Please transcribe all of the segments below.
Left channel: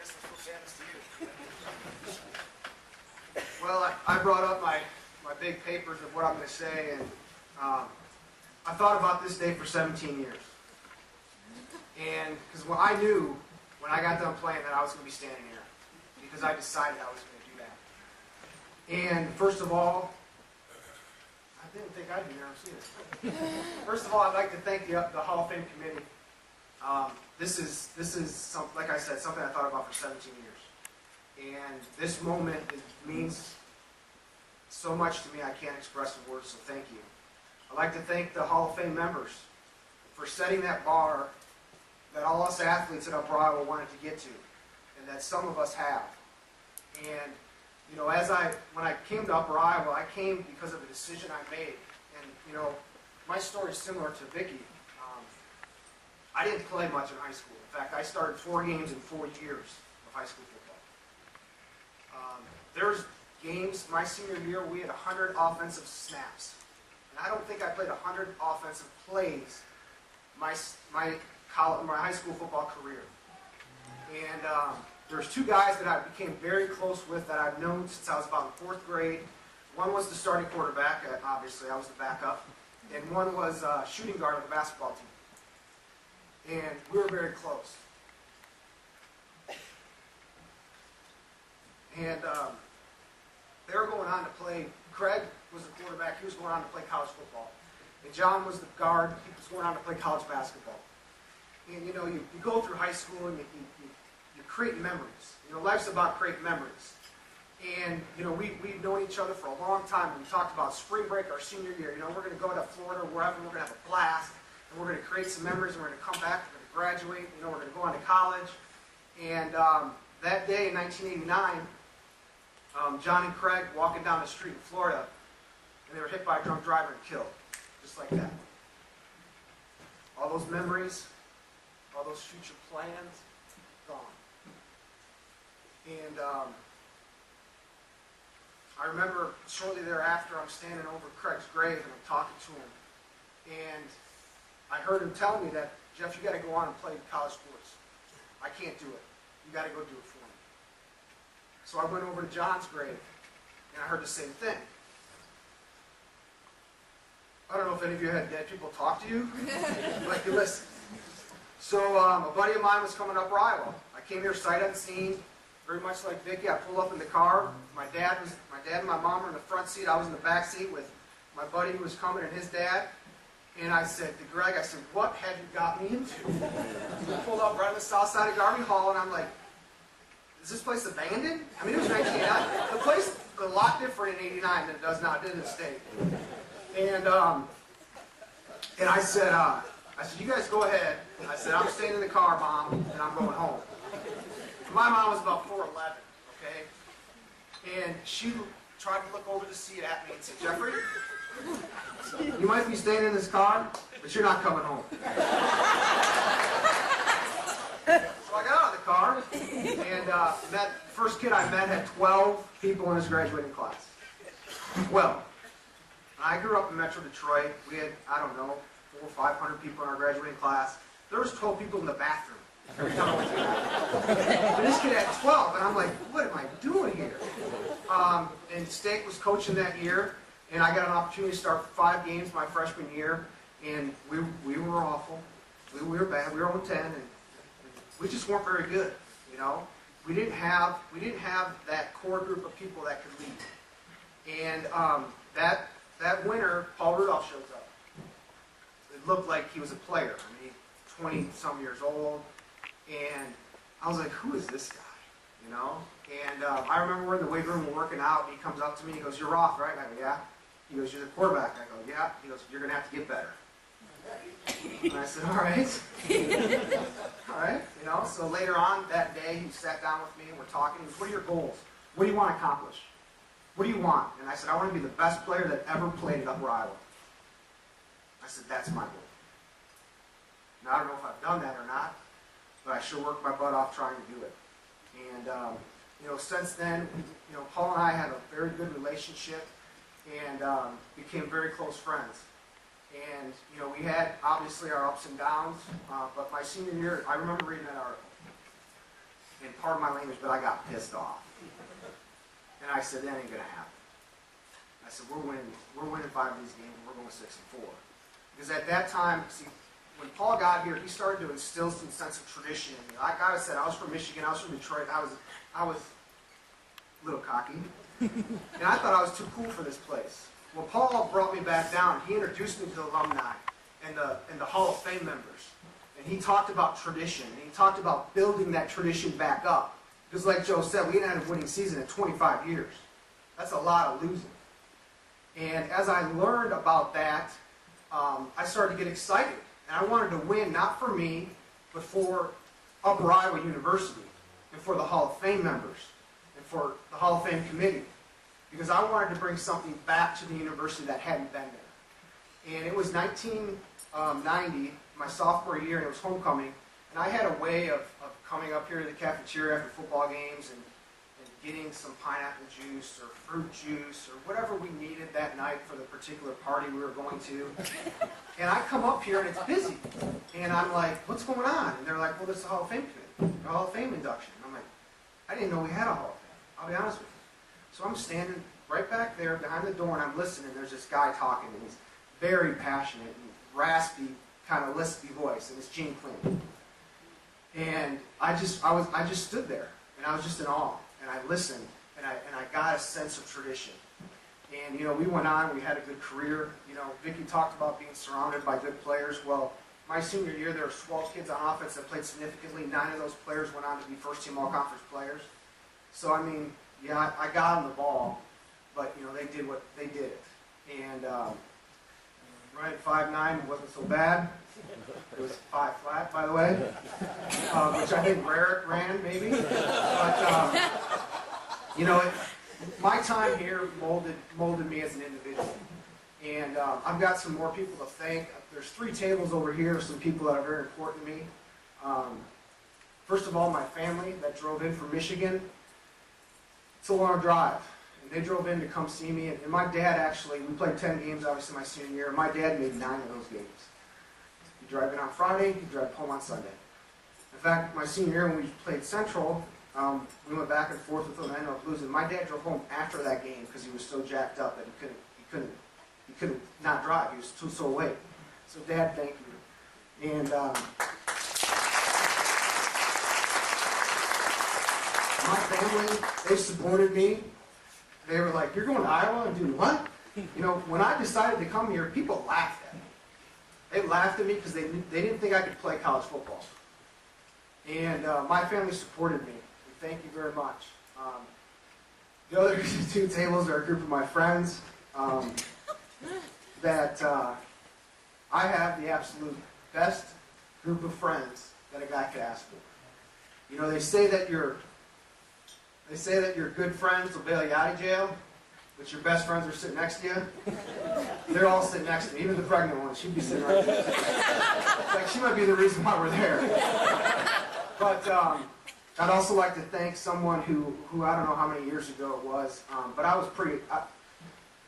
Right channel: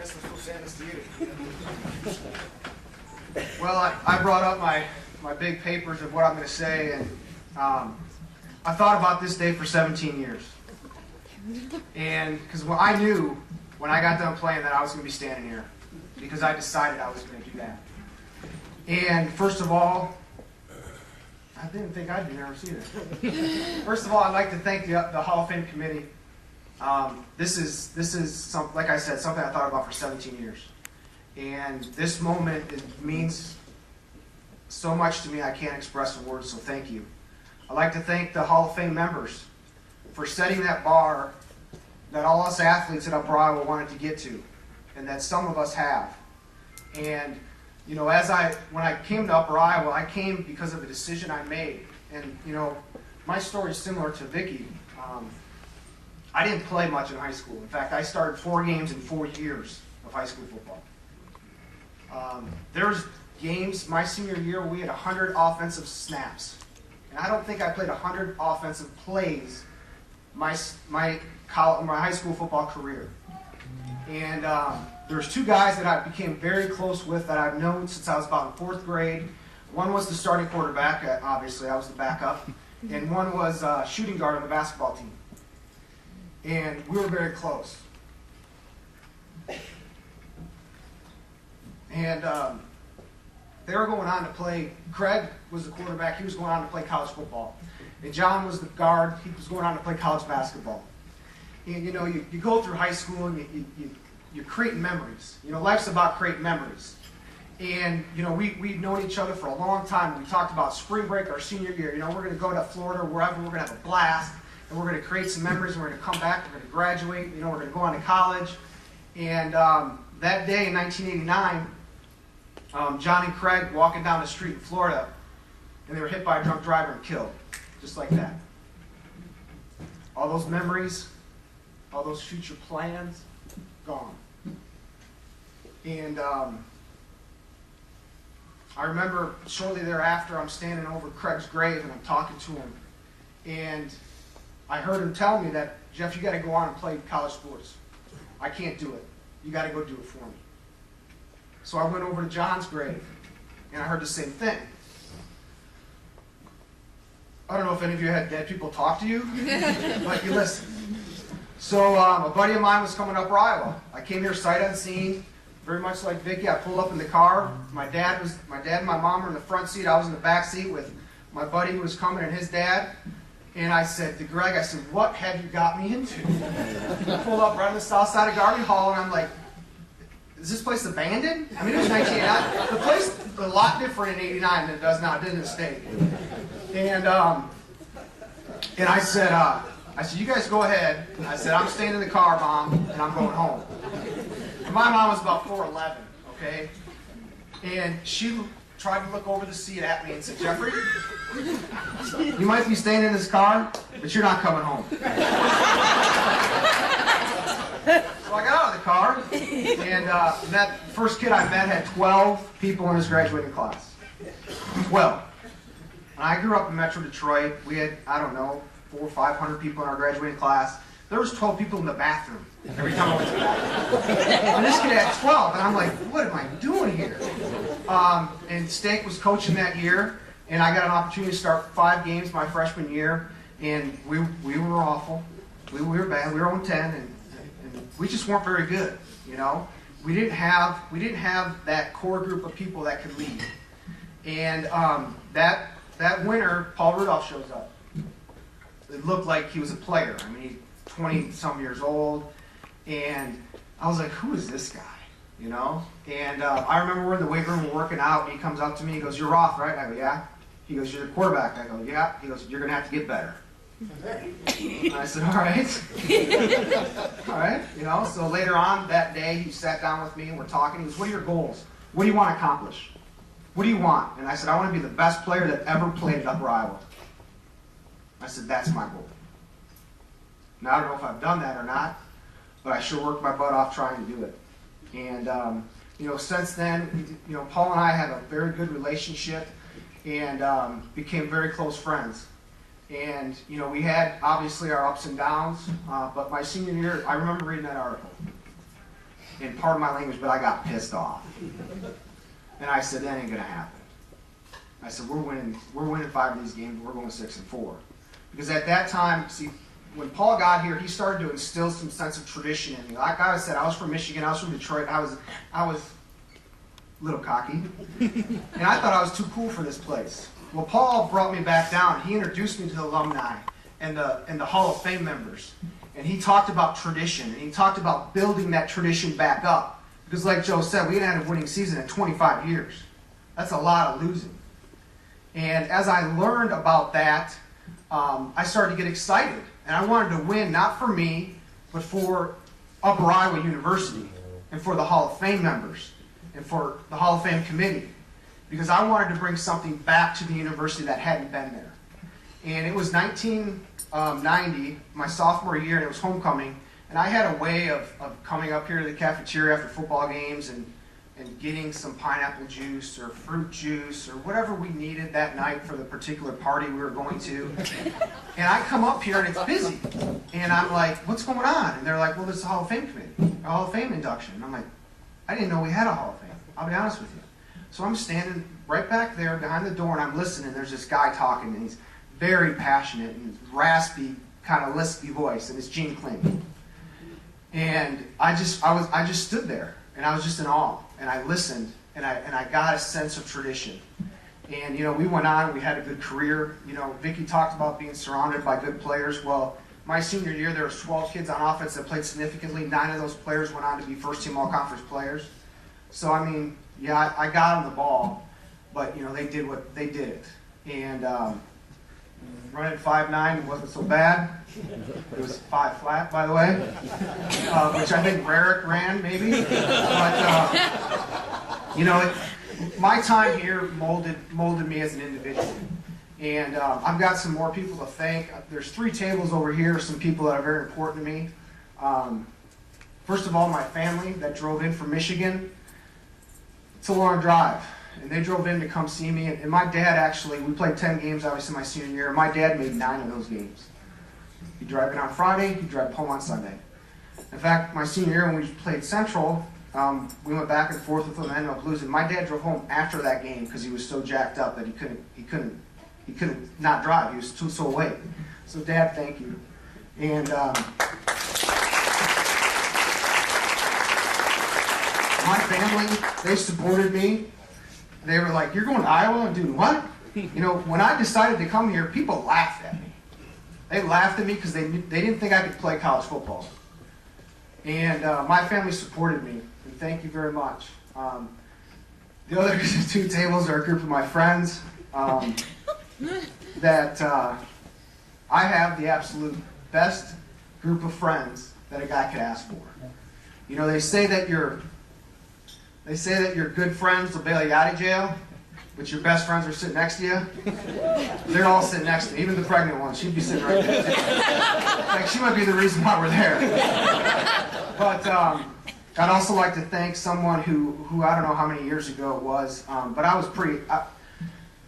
guess I'm supposed to hand this to you. Well, I brought up my big papers of what I'm going to say, and I thought about this day for 17 years. And because I knew when I got done playing that I was going to be standing here, because I decided I was going to do that. And first of all, I didn't think I'd be nervous either. First of all, I'd like to thank the Hall of Fame committee. This is like I said, something I thought about for 17 years. And this moment, it means so much to me I can't express in words, so thank you. I'd like to thank the Hall of Fame members for setting that bar that all us athletes at Upper Iowa wanted to get to, and that some of us have. And you know, when I came to Upper Iowa, I came because of a decision I made. And you know, my story is similar to Vicki. I didn't play much in high school. In fact, I started 4 games in 4 years of high school football. There's games my senior year we had 100 offensive snaps, and I don't think I played 100 offensive plays my high school football career. And there's 2 guys that I became very close with that I've known since I was about in 4th grade. One was the starting quarterback, obviously I was the backup, and one was shooting guard on the basketball team. And we were very close. And they were going on to play. Craig was the quarterback. He was going on to play college football. And John was the guard. He was going on to play college basketball. And you know, you go through high school and you're creating memories. You know, life's about creating memories. And you know, we've known each other for a long time. We talked about spring break our senior year. You know, we're going to go to Florida or wherever. We're going to have a blast. And we're going to create some memories. And we're going to come back. We're going to graduate. You know, we're going to go on to college. And that day in 1989, John and Craig walking down the street in Florida, and they were hit by a drunk driver and killed, just like that. All those memories, all those future plans, gone. And I remember shortly thereafter, I'm standing over Craig's grave and I'm talking to him, and I heard him tell me that, Jeff, you got to go on and play college sports. I can't do it. You got to go do it for me. So I went over to John's grave, and I heard the same thing. I don't know if any of you had dead people talk to you, but you listen. So a buddy of mine was coming up Iowa. I came here sight unseen, very much like Vicki. I pulled up in the car. My dad and my mom were in the front seat. I was in the back seat with my buddy who was coming and his dad. And I said to Greg, I said, "What have you got me into?" I pulled up right on the south side of Garvey Hall, and I'm like, is this place abandoned? I mean, it was 1989. The place is a lot different in 89 than it does now. It didn't stay. And I said, you guys go ahead. I said, I'm staying in the car, Mom, and I'm going home. And my mom was about 4'11", okay? And she tried to look over the seat at me and said, Jeffrey, you might be staying in this car, but you're not coming home. So I got out of the car, and that first kid I met had 12 people in his graduating class. 12. And I grew up in Metro Detroit. We had, I don't know, 400 or 500 people in our graduating class. There was 12 people in the bathroom every time I went to the bathroom. And this kid had 12, and I'm like, what am I doing here? And Stank was coaching that year, and I got an opportunity to start 5 games my freshman year, and we were awful. We were bad. We were 0-10, and we just weren't very good, you know. We didn't have that core group of people that could lead. And that winter, Paul Rudolph shows up. It looked like he was a player. I mean, 20-some years old, and I was like, who is this guy, you know? And I remember we're in the weight room, we're working out, and he comes up to me, he goes, "You're Roth, right?" I go, "Yeah." He goes, "You're the quarterback." I go, "Yeah." He goes, "You're going to have to get better." And I said, all right. All right, you know, so later on that day, he sat down with me and we're talking. He goes, "What are your goals? What do you want to accomplish? What do you want?" And I said, "I want to be the best player that ever played at Upper Iowa." I said, "That's my goal." Now, I don't know if I've done that or not, but I sure worked my butt off trying to do it. And, you know, since then, you know, Paul and I have a very good relationship and became very close friends. And, you know, we had, obviously, our ups and downs, but my senior year, I remember reading that article. and pardon my language, but I got pissed off. And I said, that ain't gonna happen. I said, we're winning 5 of these games, and we're going 6-4. Because at that time, see, when Paul got here, he started to instill some sense of tradition in me. Like I said, I was from Michigan, I was from Detroit, I was a little cocky, and I thought I was too cool for this place. Well, Paul brought me back down. He introduced me to the alumni and the Hall of Fame members. And he talked about tradition, and he talked about building that tradition back up. Because like Joe said, we hadn't had a winning season in 25 years. That's a lot of losing. And as I learned about that, I started to get excited. And I wanted to win, not for me, but for Upper Iowa University, and for the Hall of Fame members, and for the Hall of Fame committee. Because I wanted to bring something back to the university that hadn't been there. And it was 1990, my sophomore year, and it was homecoming. And I had a way of coming up here to the cafeteria after football games and getting some pineapple juice or fruit juice or whatever we needed that night for the particular party we were going to. And I come up here and it's busy. And I'm like, what's going on? And they're like, well, this is the Hall of Fame committee, a Hall of Fame induction. And I'm like, I didn't know we had a Hall of Fame. I'll be honest with you. So I'm standing right back there behind the door and I'm listening. There's this guy talking and he's very passionate and raspy, kind of lispy voice, and it's Gene Kling. And I just stood there and I was just in awe. And I listened, and I got a sense of tradition. And, you know, we went on, we had a good career. You know, Vicki talked about being surrounded by good players. Well, my senior year, there were 12 kids on offense that played significantly. 9 of those players went on to be first-team all-conference players. So, I mean, yeah, I got them the ball, but, you know, they did it. And running 5'9" wasn't so bad. It was 5 flat, by the way, which I think Rarick ran, maybe. But, you know, my time here molded me as an individual. And I've got some more people to thank. There's 3 tables over here, some people that are very important to me. First of all, my family that drove in from Michigan. It's a long drive. And they drove in to come see me. And my dad actually, we played 10 games, obviously, my senior year. And my dad made 9 of those games. He'd drive in on Friday, he'd drive home on Sunday. In fact, my senior year when we played Central, we went back and forth with them and ended up losing. My dad drove home after that game because he was so jacked up that he couldn't not drive. He was so late. So Dad, thank you. And my family, they supported me. They were like, "You're going to Iowa and doing what?" You know, when I decided to come here, people laughed at me. They laughed at me because they didn't think I could play college football. And my family supported me, and thank you very much. The other 2 tables are a group of my friends that I have the absolute best group of friends that a guy could ask for. You know, they say that your good friends will bail you out of jail, but your best friends are sitting next to you. They're all sitting next to me, even the pregnant one. She'd be sitting right there. In fact, she might be the reason why we're there. But I'd also like to thank someone who I don't know how many years ago it was, but I was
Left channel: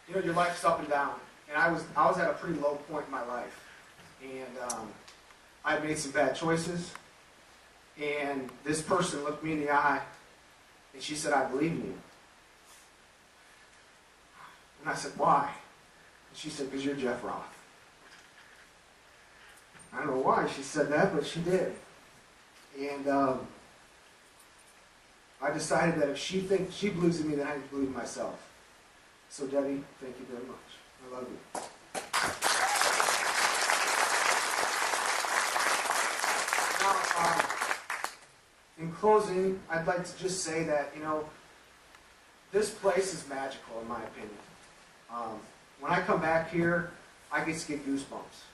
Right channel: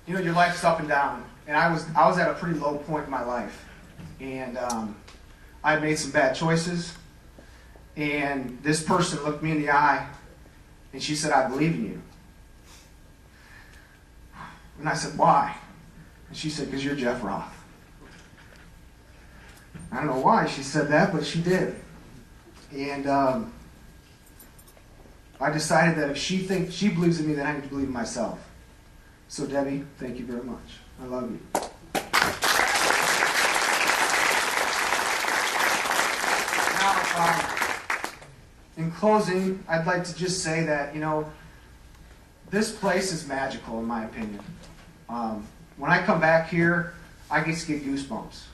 you know, your life's up and down, and I was at a pretty low point in my life, and I had made some bad choices, and this person looked me in the eye, and she said, "I believe in you." And I said, "Why?" And she said, "Because you're Jeff Roth." I don't know why she said that, but she did. And I decided that if she believes in me, then I need to believe in myself. So Debbie, thank you very much. I love you. Now, in closing, I'd like to just say that, you know, this place is magical in my opinion. When I come back here, I just get goosebumps.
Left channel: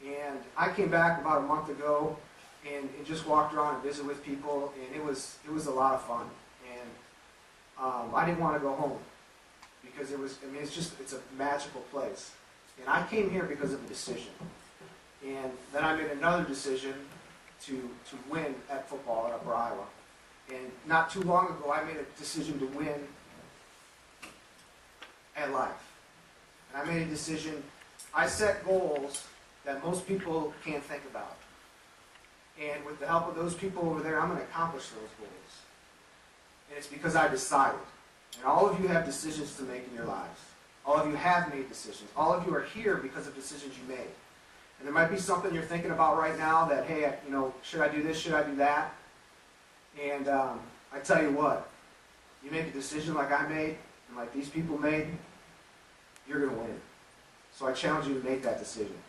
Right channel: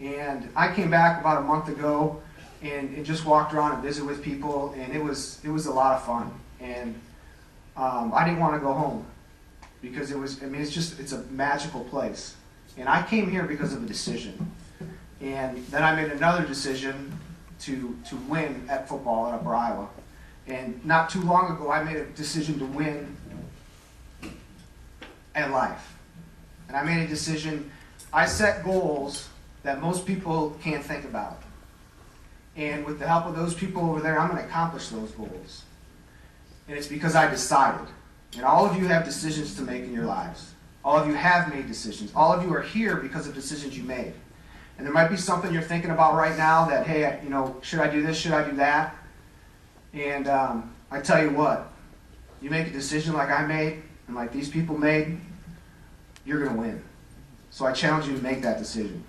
And I came back about a month ago and just walked around and visited with people, and it was a lot of fun. And I didn't want to go home because it's a magical place. And I came here because of a decision. And then I made another decision to win at football at Upper Iowa. And not too long ago, I made a decision to win at life. And I made a decision, I set goals that most people can't think about. And with the help of those people over there, I'm going to accomplish those goals. And it's because I decided. And all of you have decisions to make in your lives. All of you have made decisions. All of you are here because of decisions you made. And there might be something you're thinking about right now that, hey, you know, should I do this? Should I do that? And I tell you what, you make a decision like I made and like these people made, you're going to win. So I challenge you to make that decision.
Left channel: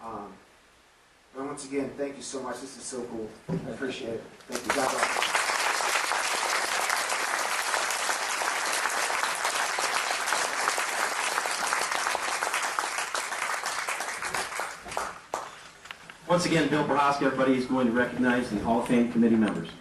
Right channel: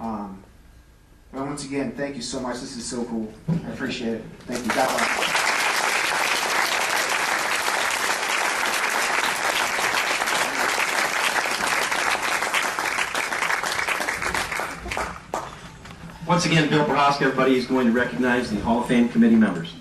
And once again, thank you so much. This is so cool. I appreciate it. Thank you. God bless. Once again, Bill Broska, everybody is going to recognize the Hall of Fame committee members.